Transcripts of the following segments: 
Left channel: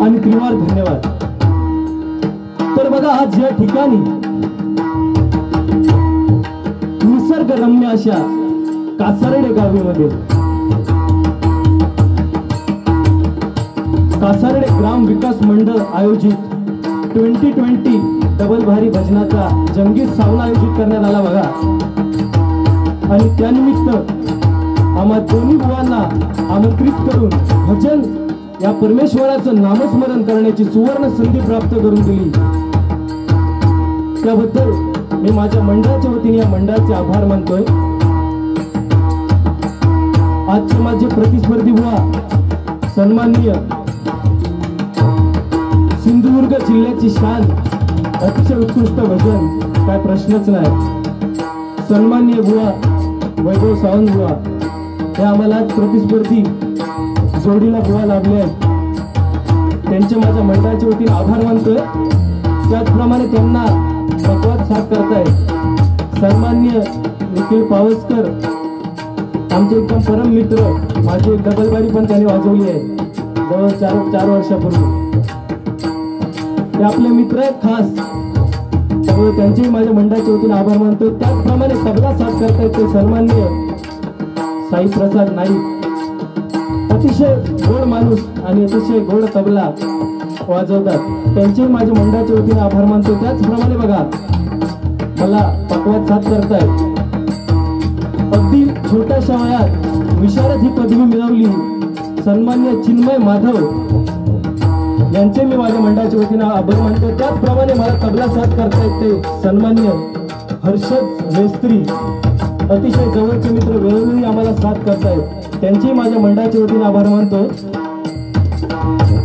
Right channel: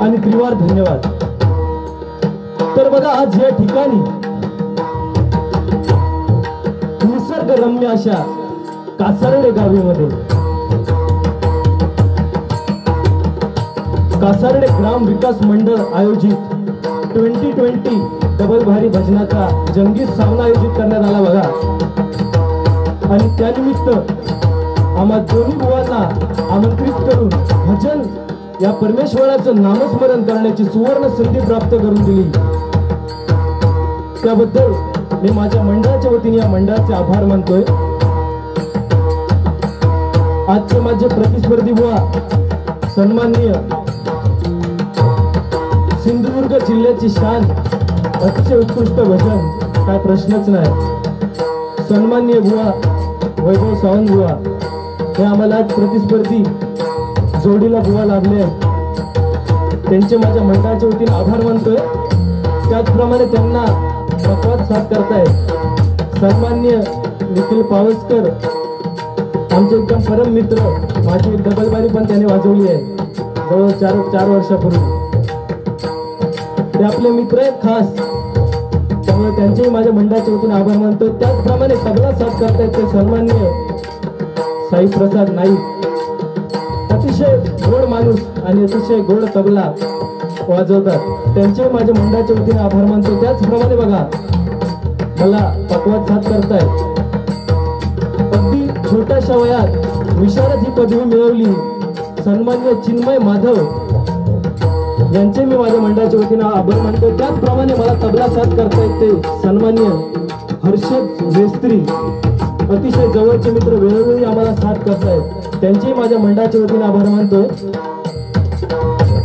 आणि त्रिवार धन्यवाद। तर बघा आज या ठिकाणी निसर्गरम्य अशा कासारडे गावीमध्ये कासारडे ग्राम विकास मंडळ आयोजित 2020 डबल भारी भजनाचा जंगी सामना आयोजित करण्यात आला बघा। आणि त्यानिमित्त आम्हा दोन्ही बुवांना आमंत्रित करून भजन या परमेश्वराचं नामस्मरण करण्याची सुवर्ण संधी प्राप्त करून दिली। त्याबद्दल मी माझ्या मंडळाच्या वतीने या मंडळाचे आभार मानतोय। आजचे माझे प्रतिस्पर्धी बुवा सन्माननीय सिंधुदुर्ग जिल्ह्याची शान अतिशय उत्कृष्ट भजन काय प्रश्नच नाही। सन्माननीय बुवा वैभव सावंत बुवा हे आम्हाला प्रतिस्पर्धी जोडीला बुवा लाभले आहेत, त्यांचे माझ्या मंडळाच्या वतीने आभार मानतोय। त्याचप्रमाणे त्यांना संवाद साथ करतायत सन्माननीय निखिल पावसकर, आमचे एकदम परम मित्र, माझी एक डबलबारी पण त्यांनी वाजवली आहे जवळ 4 वर्षापूर्वी। ते आपले मित्र आहेत खास, त्यामुळे त्यांचेही माझ्या मंडळाच्या वतीने आभार मानतो। त्याचप्रमाणे तबला साथ करतायत ते सन्माननीय साई प्रसाद नाईक, अतिशय गोड माणूस आणि अतिशय गोड तबला वाजवतात, त्यांचेही माझ्या मंडळाच्या वतीने आभार मानतो। त्याचप्रमाणे बघा मला पकवाद साथ करतायत, अगदी छोट्याशा वयात विशारद ही पदवी मिळवली सन्माननीय चिन्मय माधव, यांचे मी माझ्या मंडळाच्या वतीने आभार मानतो। त्याचप्रमाणे मला तबला साथ करतायत ते सन्माननीय हर्षद वेस्त्री, अतिशय जवळचे मित्र, वेळोवेळी आम्हाला साथ करतायत, त्यांचेही माझ्या मंडळाच्या वतीने आभार मानतो।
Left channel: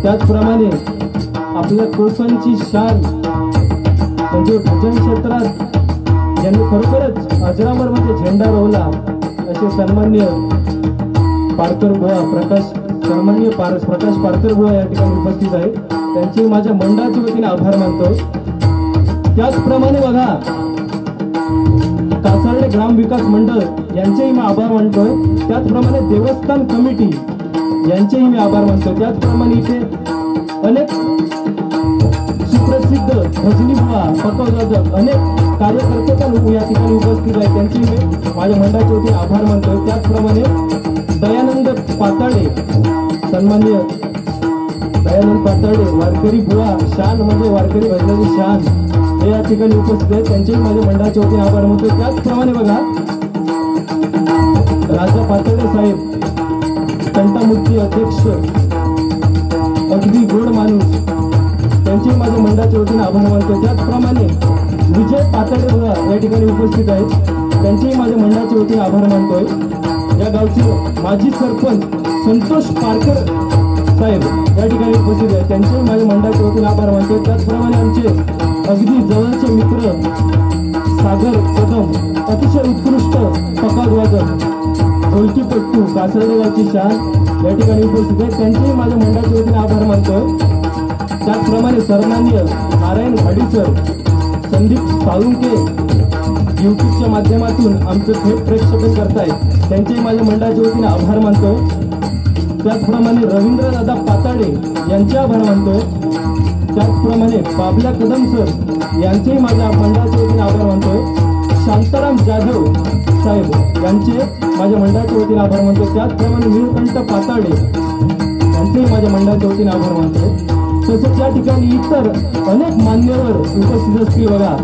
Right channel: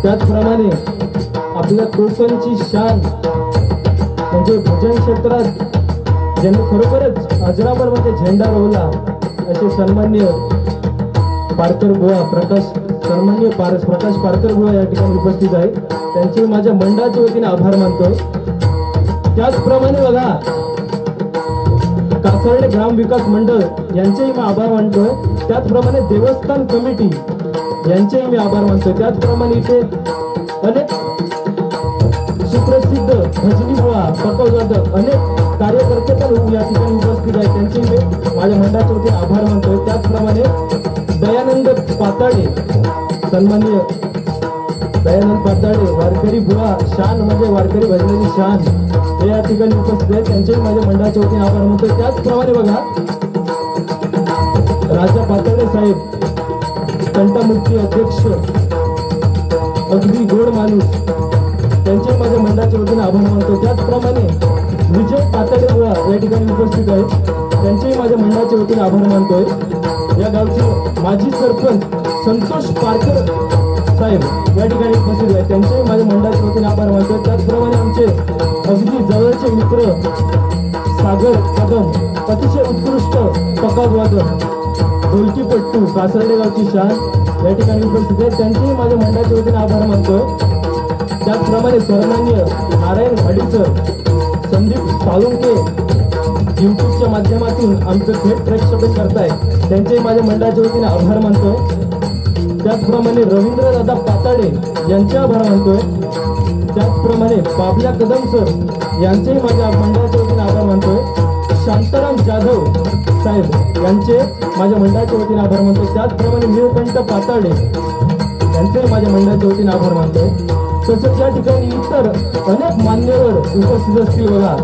त्याचप्रमाणे आपल्या कोकणची शान म्हणजे भजन क्षेत्रात ज्यांनी खरोखरच अजरामरमध्ये झेंडा रोवला असे सन्माननीय पारकर बुवा प्रकाश पारकर बुवा या ठिकाणी उपस्थित आहेत, त्यांचे माझ्या मंडळाच्या वतीने आभार मानतो। त्याचप्रमाणे बघा कासारडे ग्राम विकास मंडळ यांचेही मी आभार मानतोय। त्याचप्रमाणे देवस्थान कमिटी यांचेही मी आभार मानतोय। त्याचप्रमाणे इथे अनेक सुप्रसिद्ध भजनी बुवा पकवादक अनेक कार्यकर्ते पण या ठिकाणी उपस्थित आहेत, त्यांचेही मी माझ्या मंडळाच्या वतीने आभार मानतोय। त्याचप्रमाणे दयानंद पाताळे, सन्माननीय दयानंद पाताळे वारकरी बुवा, शान म्हणजे वारकरी भजनाची शान, हे या ठिकाणी उपस्थित आहेत, त्यांचेही माझ्या मंडळाच्या वतीने आभार मानतो। त्याचप्रमाणे बघा राजा पाताळे साहेब, कंठमुक्ती अध्यक्ष, अगदी गोड माणूस, त्यांचे माझ्या मंडळाच्या वतीने आभार मानतो। त्याचप्रमाणे विजय पाताळे बुवा या ठिकाणी उपस्थित आहेत, त्यांचेही माझ्या मंडळाच्या वतीने आभार मानतोय। या गावचे माजी सरपंच संतोष पारकर साहेब या ठिकाणी उपस्थित आहेत, त्यांचेही माझ्या मंडळाच्या वतीने आभार मानतो। त्याचप्रमाणे आमचे अगदी जवळचे मित्र सागर कदम, अतिशय उत्कृष्ट पकाज वादक, ढोलकीपट्टू, कासारडे गावची शान या ठिकाणी उपस्थित आहेत, त्यांचेही माझ्या मंडळाच्या वतीने आभार मानतो। त्याचप्रमाणे सन्माननीय नारायण घाडीसर, संदीप साळुंके युट्यूबच्या माध्यमातून आमचं थेट प्रेक्षेपण करतायत, त्यांचेही माझ्या मंडळाच्या वतीने आभार मानतो। त्याचप्रमाणे रवींद्रदादा पाताळे यांचे आभार मानतोय। त्याचप्रमाणे बाबल्या कदम सर यांचेही माझ्या मंडळाच्या वतीने आभार मानतोय। शांताराम जाधव साहेब यांचे माझ्या मंडळाच्या वतीने आभार मानतोय। त्याचप्रमाणे निळकंठ पाताळे यांचेही माझ्या मंडळाच्या वतीने आभार मानतोय। तसंच या ठिकाणी इतर अनेक मान्यवर उपस्थित असतील बघा.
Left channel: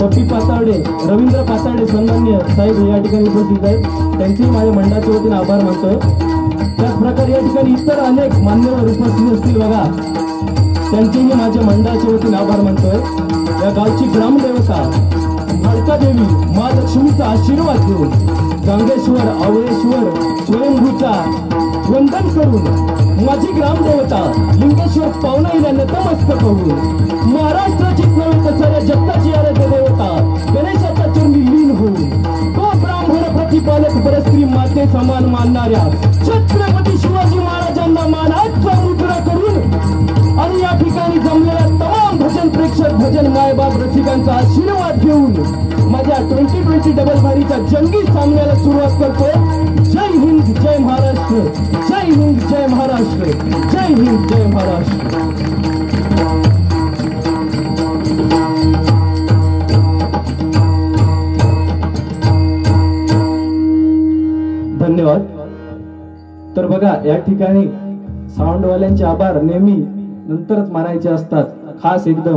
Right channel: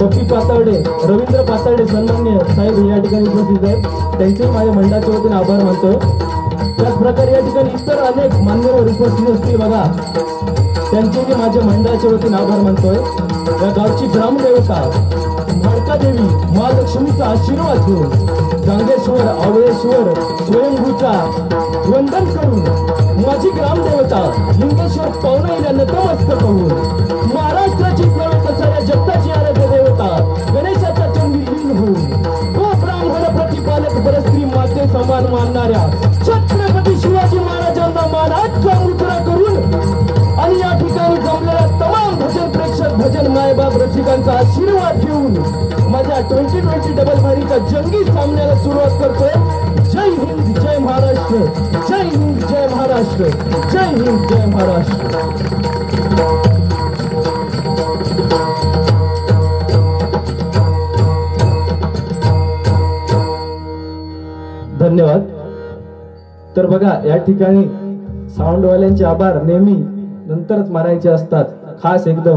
पप्पी पातावडे, रवींद्र पातावडे सन्मान्य साहेब या ठिकाणी उपस्थित आहेत. त्यांचे माझ्या मंडळाच्या वतीने आभार मानतो. त्याचप्रकारे या ठिकाणी इतर अनेक मान्यवर उपस्थित असतील बघा. त्यांचेही माझ्या मंडळाच्या वतीने आभार मानतोय. या गावची ग्रामदेवता देवी महालक्ष्मीचा आशीर्वाद घेऊन गांगेश्वर आवळेश्वर स्वयंभूचा वंदन करून माझी ग्रामदेवता लिंगेश्वर पावनाईला नतमस्तक होऊन महाराष्ट्राचीच नव्हे तर साऱ्या जगताची आराध्य देवता गणेशाच्या चरणी लीन होऊन तो ब्राह्मण प्रतिपालक परस्त्री माते समान मानणाऱ्या छत्रपती शिवाजी महाराजांना मानाचा मुद्रा करून आणि या ठिकाणी जमलेल्या तमाम भजन प्रेक्षक भजन मायबाप रसिकांचा आशीर्वाद घेऊन माझ्या 2020 डबल भारीच्या जंगी सामन्याला सुरुवात करतोय. जय हिंद जय महाराष्ट्र, जय हिंद जय महाराष्ट्र, जय हिंद जय महाराष्ट्र. धन्यवाद. तर बघा या ठिकाणी साऊंडवाल्यांचे आभार नेहमी नंतरच मानायचे असतात, खास एकदम,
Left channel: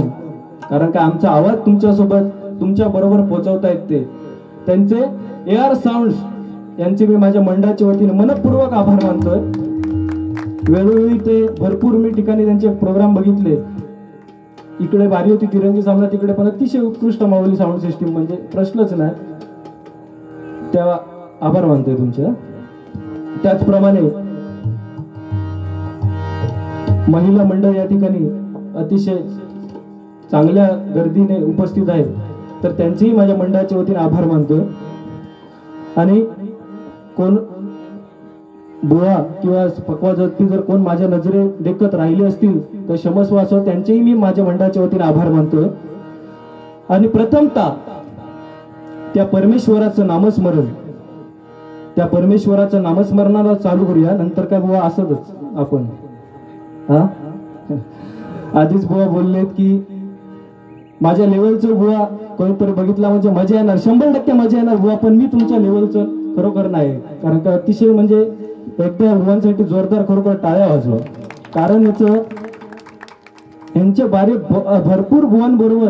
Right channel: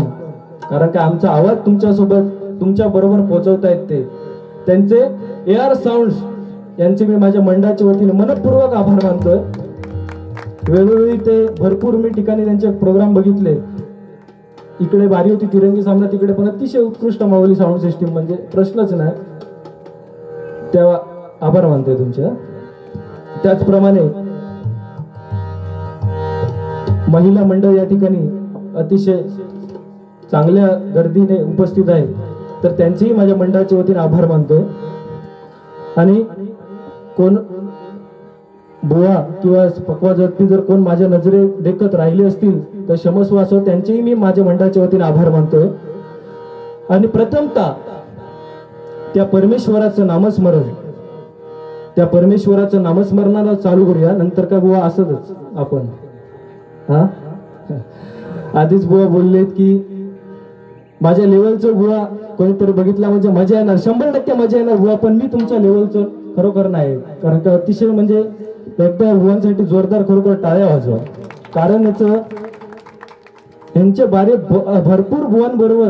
कारण का आमचा आवाज तुमच्यासोबत तुमच्या बरोबर पोहोचवतायत ते. त्यांचे AR साऊंड्स यांचे मी माझ्या मंडळाच्या वतीने मनपूर्वक आभार मानतोय. वेळोवेळी ते भरपूर मी ठिकाणी त्यांचे प्रोग्राम बघितले. इकडे वारी होती तिरंगी सामना, तिकडे पण अतिशय उत्कृष्ट माऊली साऊंड सिस्टीम, म्हणजे प्रश्नच नाही. तेव्हा आभार मानतोय तुमच्या. त्याचप्रमाणे महिला मंडळ या ठिकाणी अतिशय चांगल्या गर्दीने उपस्थित आहे, तर त्यांचेही माझ्या मंडळाच्या वतीने आभार मानतो. आणि कोण बुवा किंवा पक्वा व्यक्ती जर कोण माझ्या नजरे देखत राहिले असतील तर क्षमस्व असो, त्यांचेही मी माझ्या मंडळाच्या वतीने आभार मानतोय. आणि प्रथमतः त्या परमेश्वराचं नामस्मरण, त्या परमेश्वराचं नामस्मरणाला चालू करूया. नंतर का बुवा असतच आपण आधीच बुवा बोललेत की माझ्या लेवलचं बुवा कोणीतरी बघितला म्हणजे मजा येणार, 100% मजा येणार बुवा, पण मी तुमच्या लेवलचं खरोखर नाही. कारण का अतिशय म्हणजे एकदा बुवांसाठी जोरदार खरोखर टाळ्या वाजवा. कारण यांचे बारे भरपूर बुवांबरोबर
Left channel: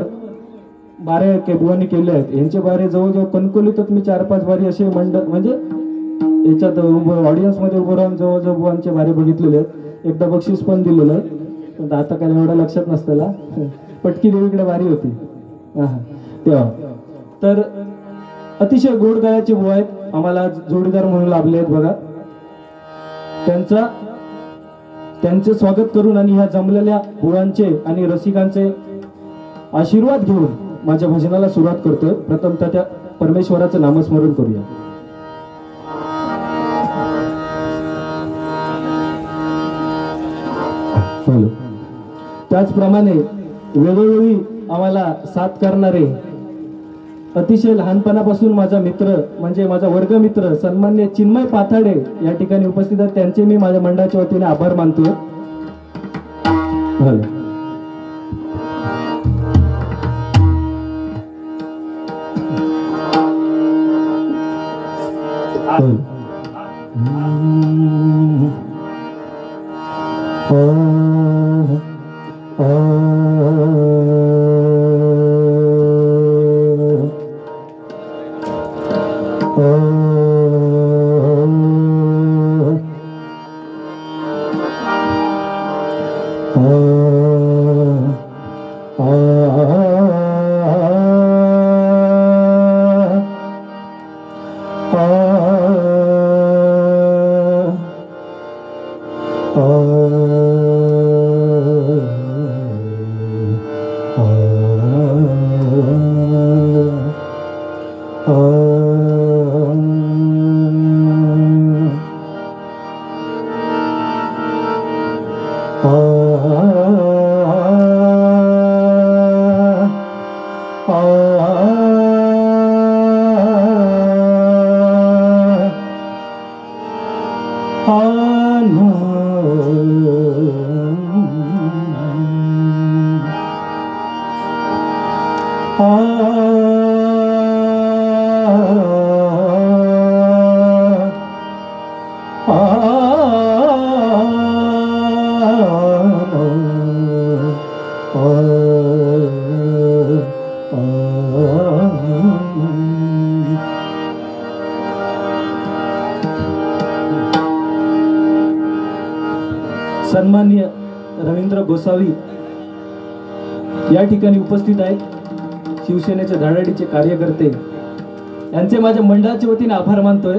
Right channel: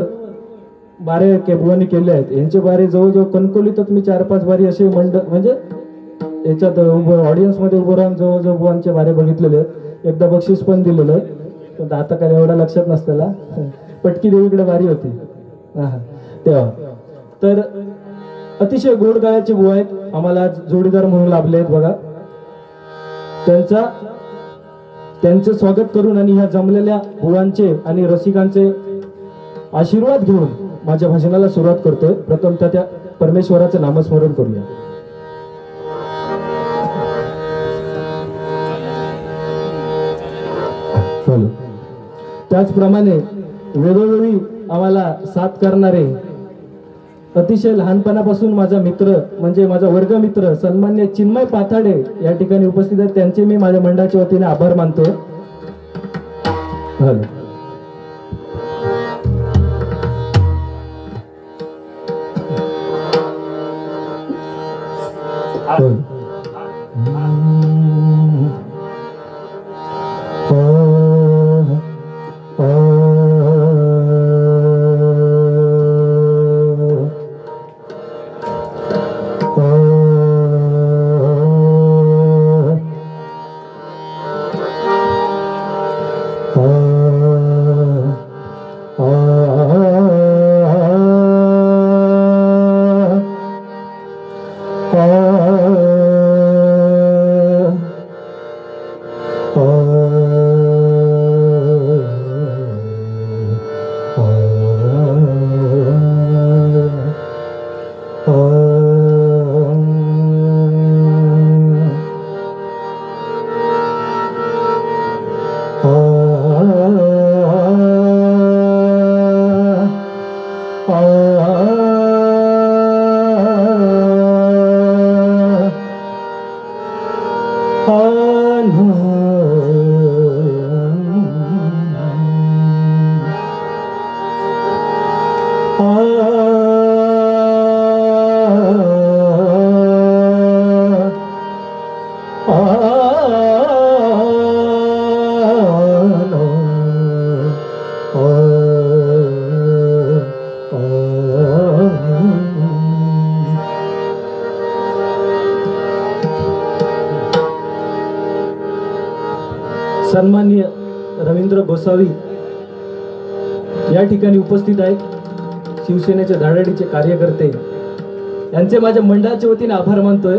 बारे बुवांनी केले आहेत. यांचे बारे जवळजवळ कणकोलीतच मी 4-5 बारी असे म्हणजे याच्यात ऑडियन्स मध्ये उभं राहून जवळजवळ बुवांचे बारे बघितलेले आहेत. एकदा बक्षीस पण दिलेलं आहे, पण आता काय एवढा लक्षात नसताना. पटकी देवीकडे वारी होती तेव्हा. तर अतिशय गोड गाण्याचे बुवा आहेत, आम्हाला जोडीदार म्हणून लाभले आहेत बघा. त्यांचं स्वागत करून आणि ह्या जमलेल्या बुवांचे आणि रसिकांचे आशीर्वाद घेऊन माझ्या भजनाला सुरुवात करतोय. प्रथमतः त्या परमेश्वराचं नामस्मरण करूया. त्याचप्रमाणे वेळोवेळी आम्हाला साथ करणारे अतिशय लहानपणापासून माझा मित्र म्हणजे माझा वर्गमित्र सन्मान्य चिन्मय पाथाडे या ठिकाणी उपस्थित आहेत. त्यांचे मी माझ्या मंडळाच्या वतीने आभार मानतो. सन्माननीय रवींद्र गोसावी या ठिकाणी उपस्थित आहेत. शिवसेनेचे धाडाडीचे कार्यकर्ते यांचे माझ्या मंडळाच्या वतीने आभार मानतोय.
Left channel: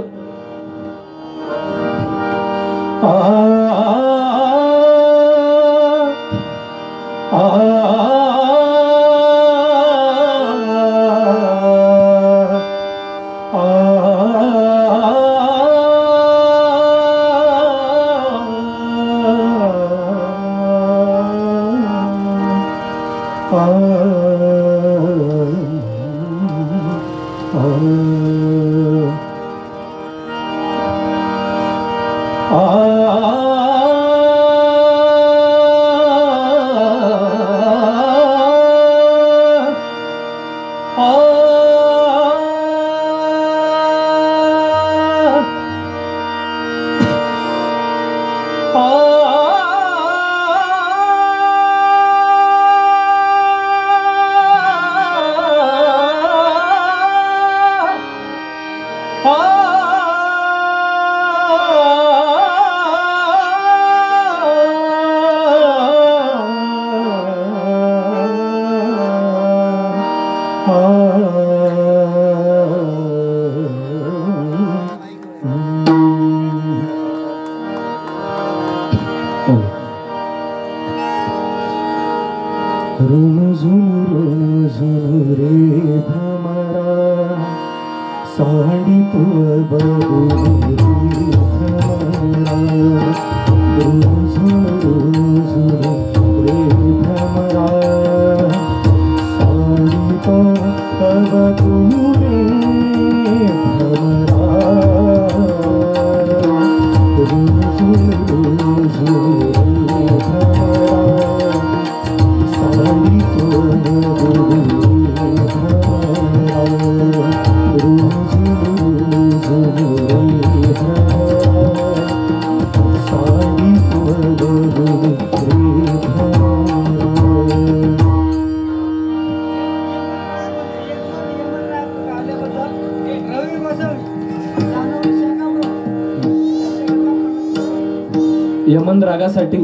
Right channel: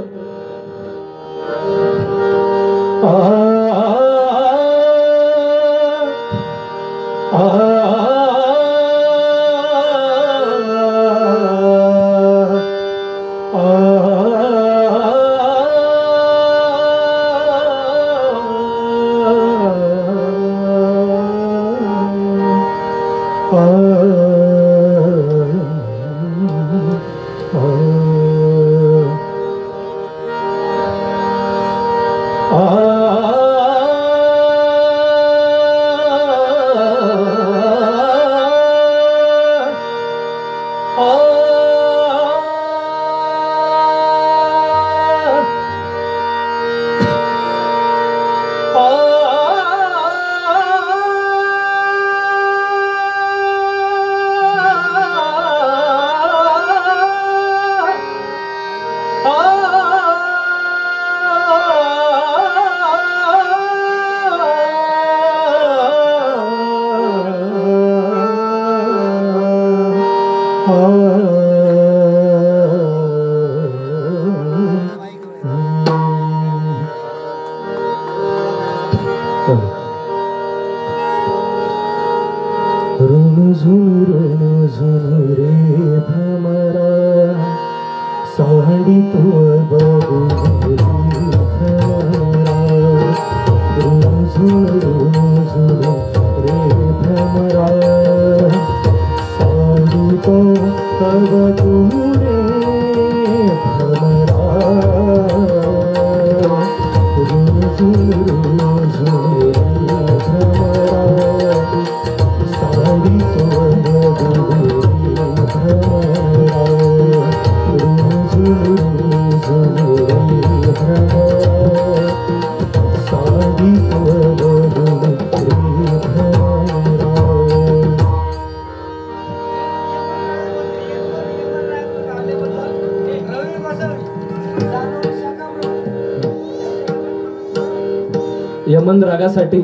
यमन रागासाठी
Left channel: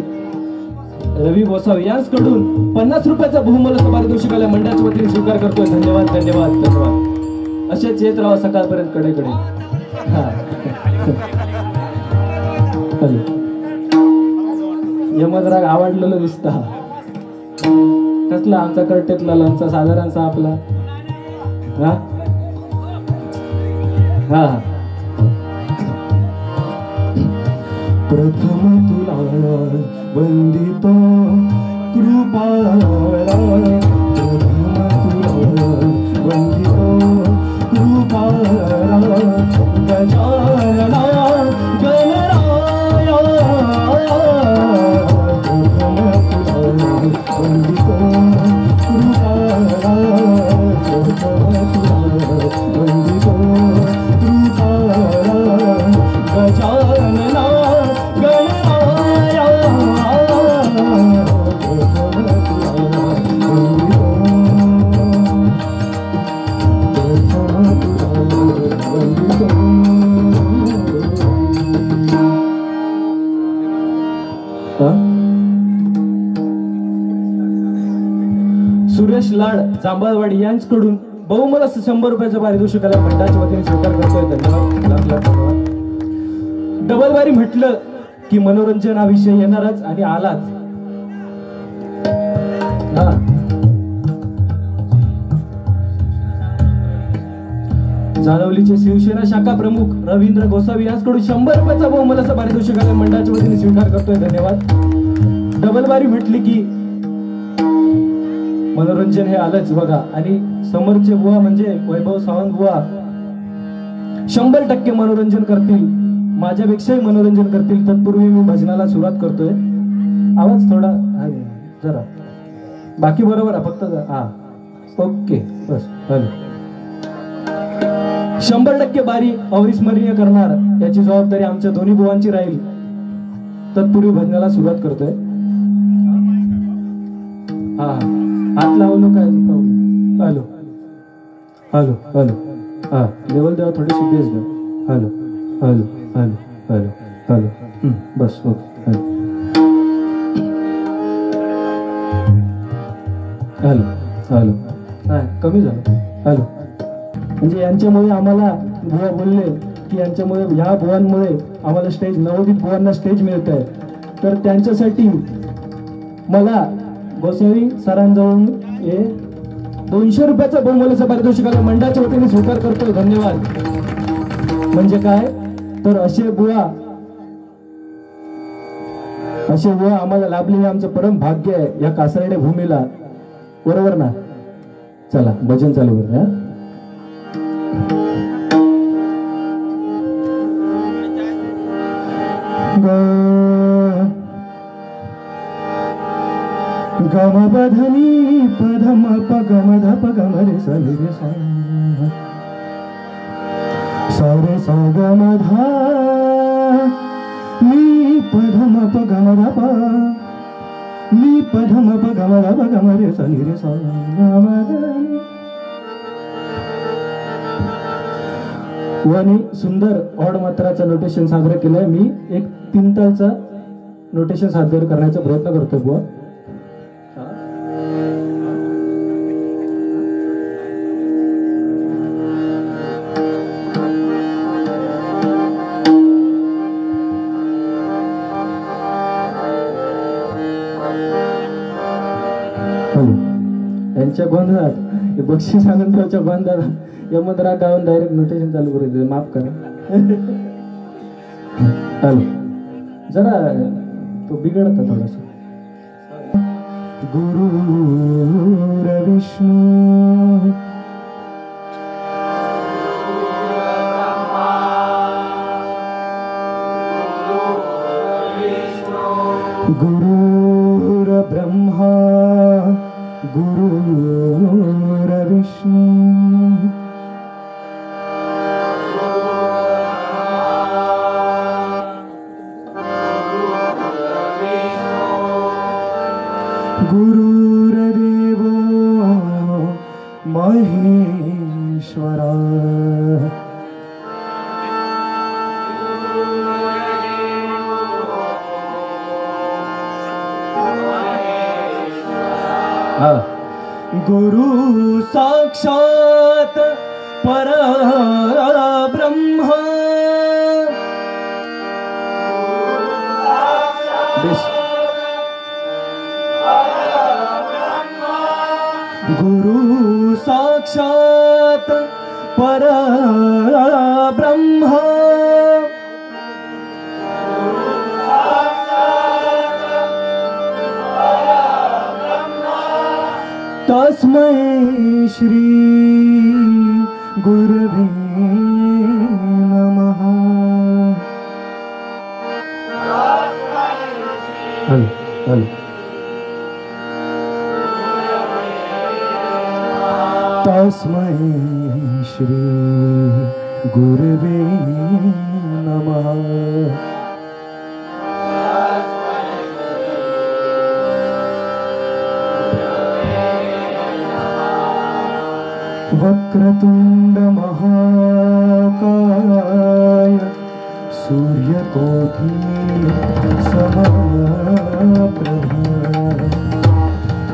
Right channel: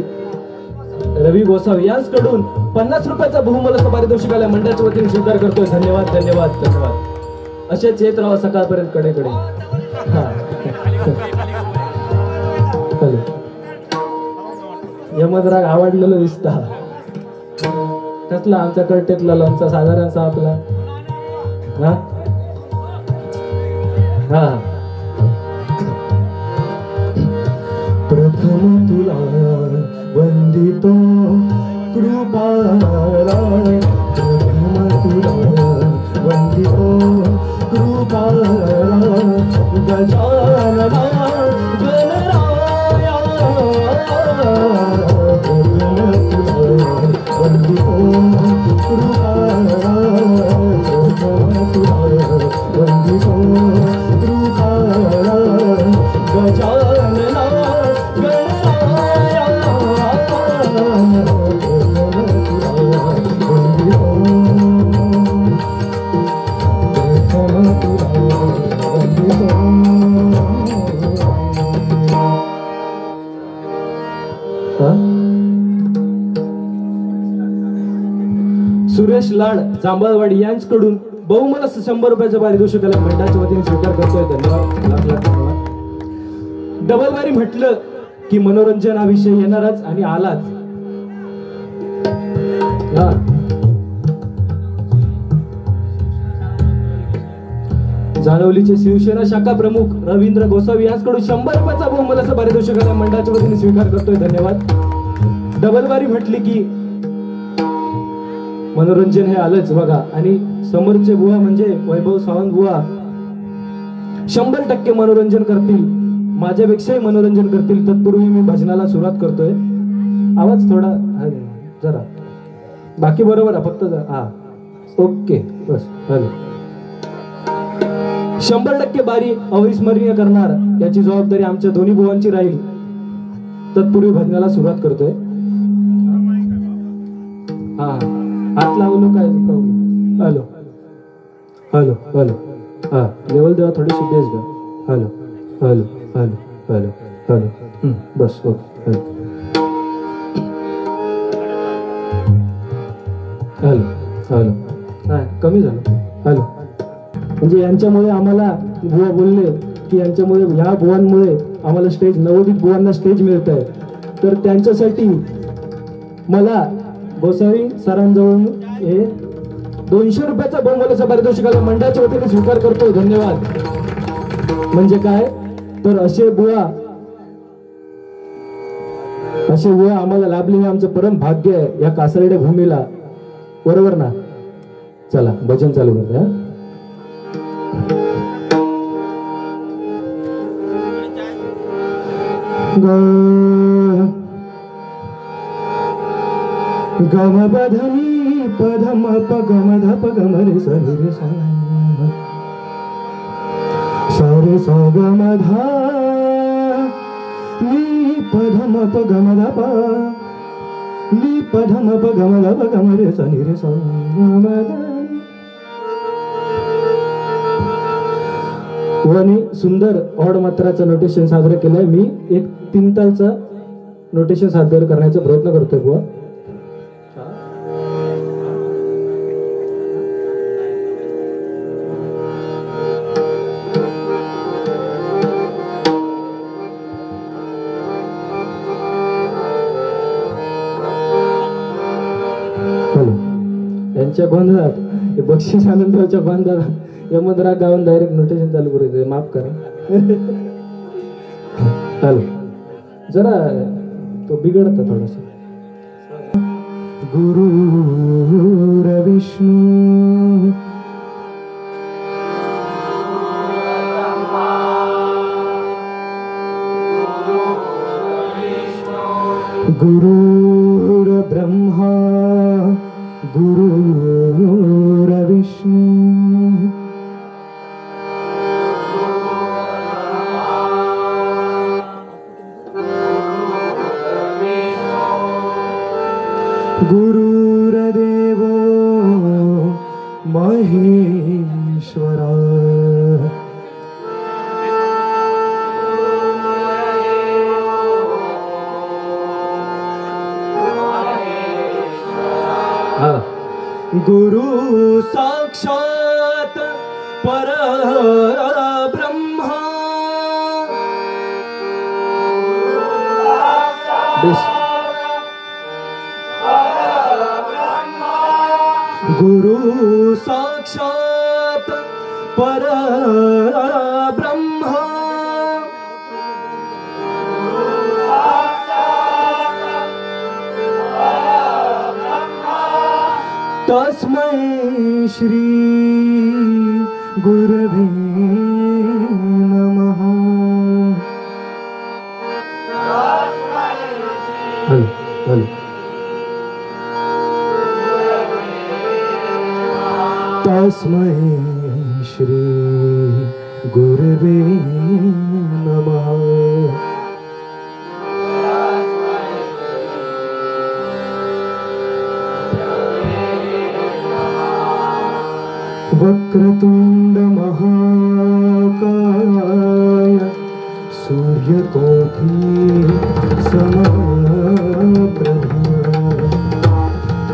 रवी गोसावी यांच्याकडून 50 रुपयाचा बहुमूल्य पारितोषिकाला मंडळाच्या वतीने स्वीकार करतोय. धन्यवाद धन्यवाद धन्यवाद. असेच येत राहा सकाळपर्यंत कडेकडे. यमन राग आवडलेलं दिसता कसला आमचा कर्टेतला लोणचा साधारणचा आपला. हा हा प्रथम तुला वंदितो कृपाला, प्रथम तुला वंदितो कृपाला, गजानना गणराया, प्रथम तुला वंदितो कृपाला, प्रथम तुला वंदितो कृपाला, गजानना सुरेश लाड जांभळवाडी यांच्याकडून बहुमूल्य 100 रुपयाचा पारितोषिकाला मंडळाच्या वतीने स्वीकार करतोय. धन्यवाद. डबल बारी म्हटलं की मनोरंजन हा विषय येणारच आणि आलाच. जानवलीचे शिवसेना शाखा प्रमुख रवींद्र गोसावी यांच्याकडून 100 रुपयाचा बहुमूल्य पारितोषिकाला मंडळाच्या वतीने स्वीकार करतोय. धन्यवाद. डबल बारी म्हटली की मनोरंजन हे आलंच बघा. आणि समोरचे बुवा म्हणजे वैभव सावंत बुवा 100% मनोरंजन करतील, माझ्यापेक्षाही मनोरंजन करतील. तत्पूर्वी मी भजनाला सुरुवात करतोय. आवाज थोडा जरा बाकी बरोबर आहे फक्त. हा ओके बस. हॅलो. 100% बारी अविस्मरणीय करणार याची जबाबदारी आमच्या दोन्ही बुवांची राहील. तत्पूर्वी भजनाला सुरुवात करतोय. हा हात लावलो काय प्रॉब्लेम. Hello hello hello. हा लेवल द्या थोडीशी बेस द्या. Hello hello hello hello hello. बस ओके. हॅलो, नाही कमी झालं. हॅलो, म्हणजे यांच्यामुळे आम्हाला बुवा बोलले की यांच्यामुळे ह्या बुवांमुळे आम्हाला स्टेज, नवोदित बुवांना स्टेज मिळत आहे. तर त्यांच्यासाठी मला गोसावी सरांजवळून हे 200 रुपयाचा बहुमूल्याचा पारितोषिकाला मंडळाच्या वतीने स्वीकार करतो. धन्यवाद. म्हणजे काय तर असे बुवा आम्हाला लाभले हे आमचं परम भाग्य आहे या कासरडे भूमीला. बरोबर ना? चला भजन चालू करूया. गम बधनी पधम पगम ध पगम रे सा रे सा सा रे सा गम धा नी पधम पगम ध प नी पधम पगम ध पगम रे सा रे सा गम ध. वनी सुंदर ऑड मात्राचं नोटेशन सादर केलंय. मी एक 3 तालचा नोटेशन सादर करण्याचा प्रयत्न करतो बुवा. यांच्या गोंधळात बक्षीस आनंदच्या गोंधळात यमदरा गाऊन डायरेक्ट नोटेशन चालू करू. माफ करा. हॅलो, जरा तो बिघडतो थोडासा. गुरुर विष्णू गुरुर ब्रह्मा गुरुर विष्णू गुरुर्देवो महेश्वरा. गुरु साक्षात परब्रह्म. गुरु साक्षात परब्रह्म. तस्मै श्री गुरवे नमः. तस्मै श्री गुरवे नमः. वक्रतुंड महाकाय सूर्यकोटि समप्रभ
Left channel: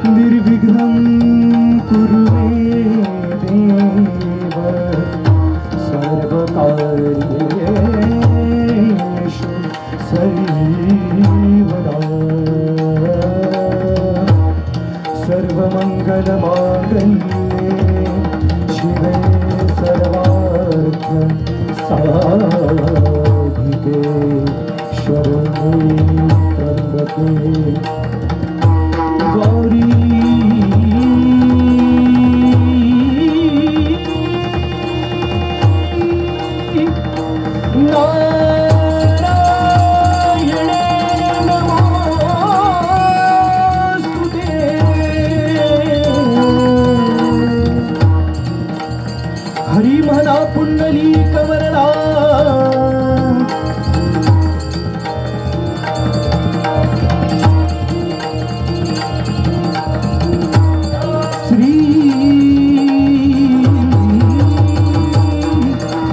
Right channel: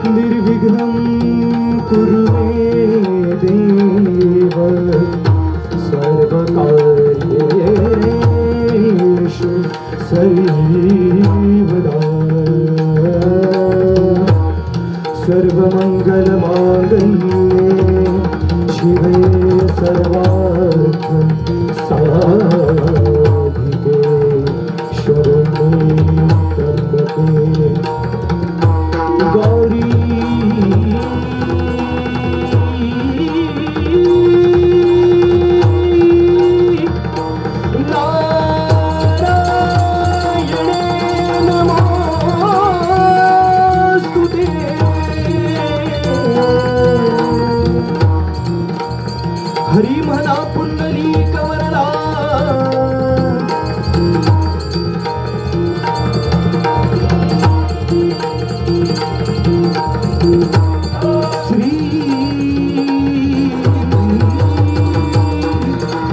निर्विघ्नं कुरु मे देव सर्वकार्येषु सर्वदा. सर्वमंगलमांगल्ये शिवे सर्वार्थ साधिके शरण्ये त्र्यंबके गौरी हरी म्हणा पुंडलिक वरदा. श्री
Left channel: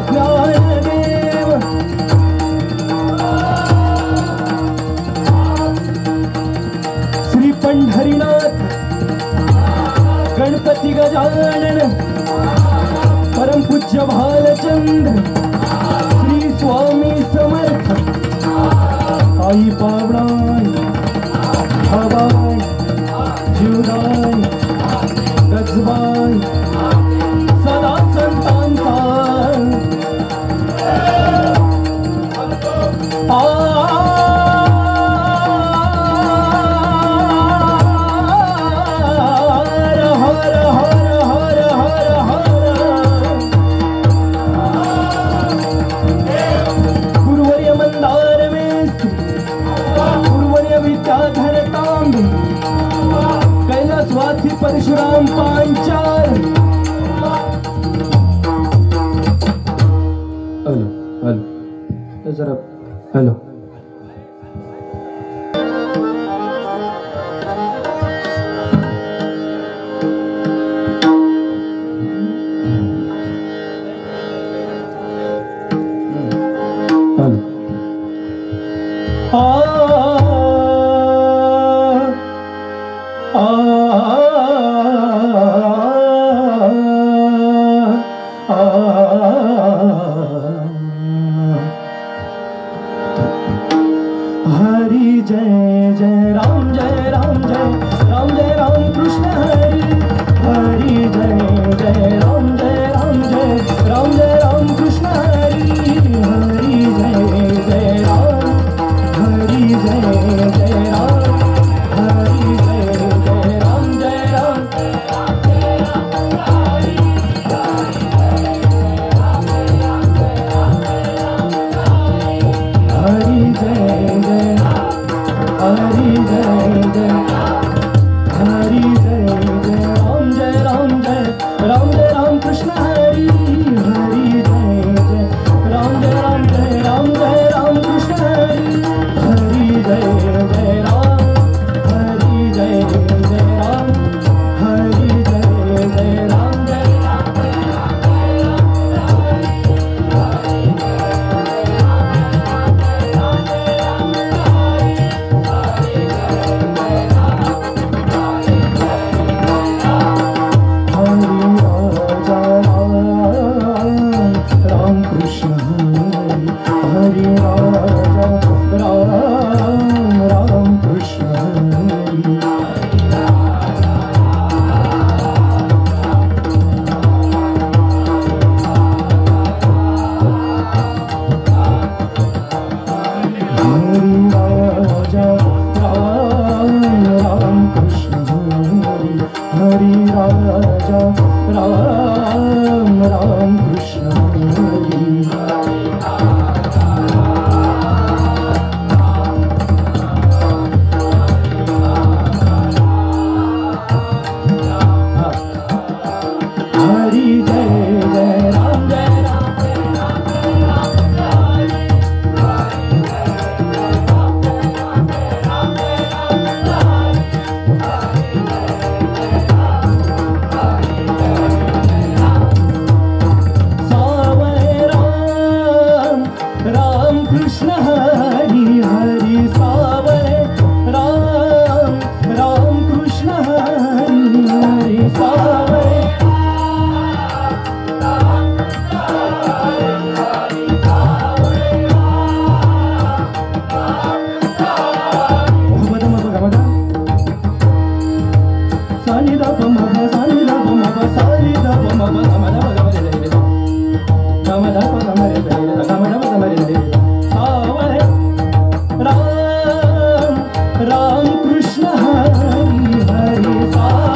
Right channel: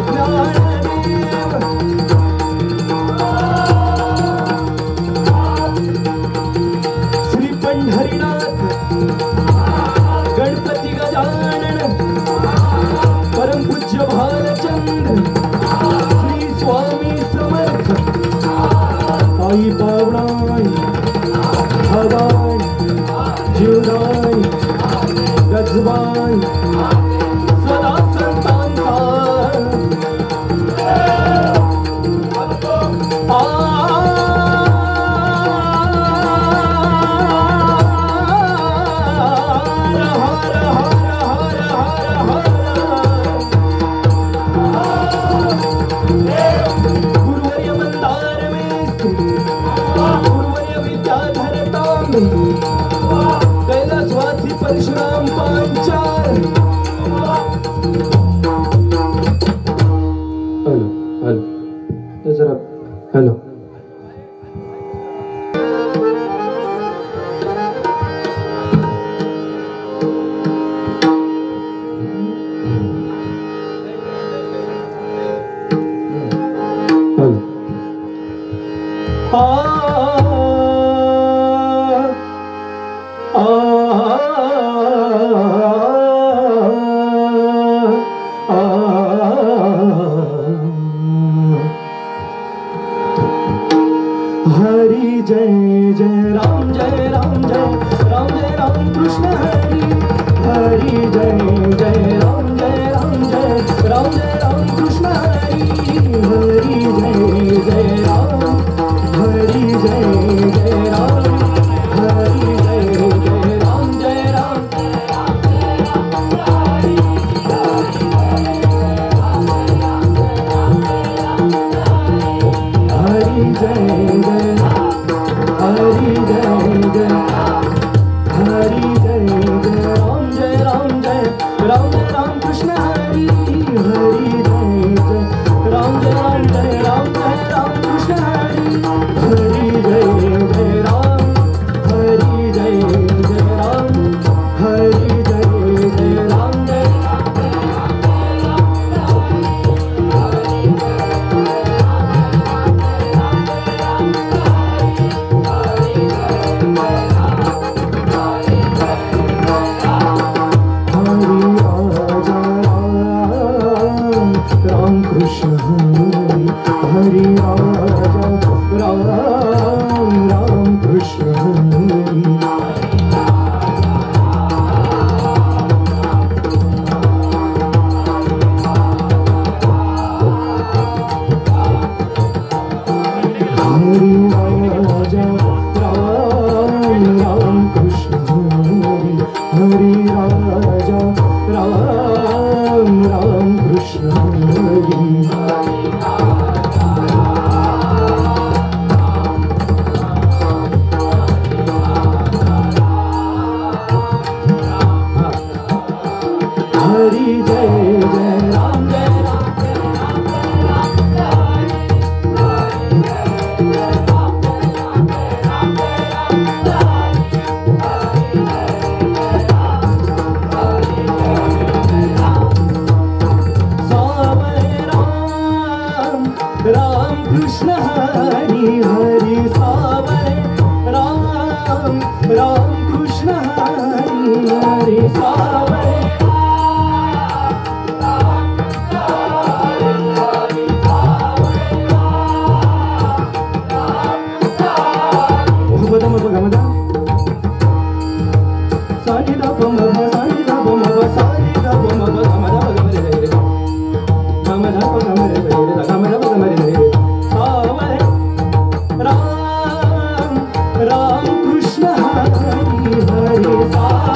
ज्ञानदेव श्री पंढरीनाथ गणपती धरतां कैलासवासी परशुराम पांचाल. हॅलो जरा हॅलो. हरि जय जय राम जय राम जय राम जय राम कृष्ण हरि जय जय राम जय राम जय राम जय राम कृष्ण हरि जय जय राम हरि जय जय राम हरि जय जय राम जय राम हरि जय जय हरि जय जय हरि जय जय राम जय राम कृष्ण हरि हरि जय जय राम जय राम कृष्ण हरि जय जय राम हरि जय जय राम हरि जय जय राम जय राम कृष्ण हरि राम कृष्ण राम कृष्ण हरि राजा राम कृष्ण हरि जय जय राम जय राम कृष्ण हरि हरि सावरे राम कृष्ण हरि हरि सावरे राम कृष्ण हरि हरि सावरे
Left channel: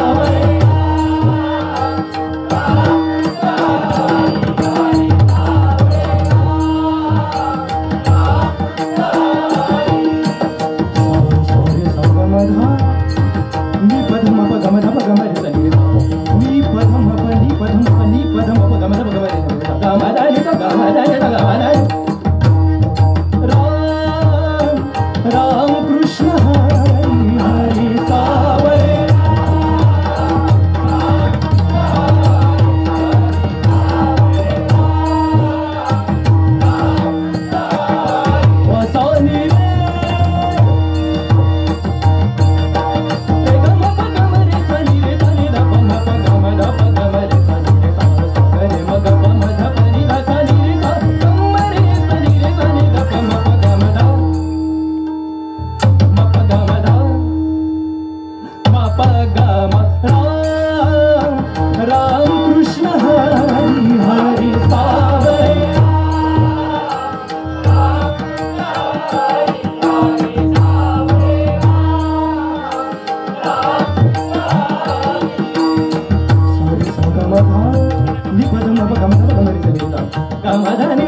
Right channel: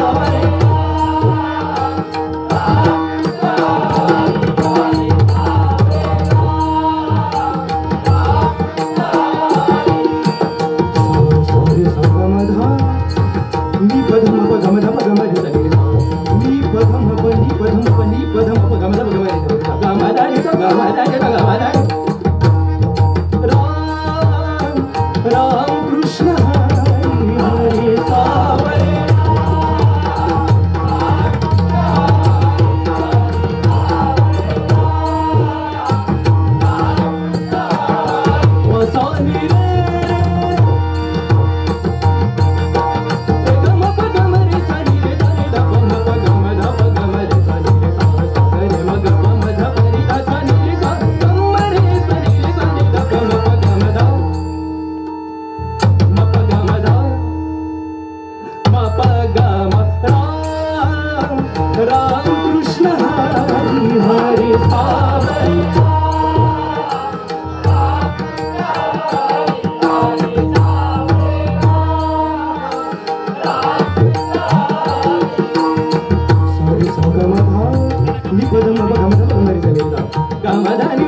राम कृष्ण हरि हरि सावरे वसानी राम कृष्ण हरि हरि सावरे सॉरी संगमधा निपदम गमधा गमरी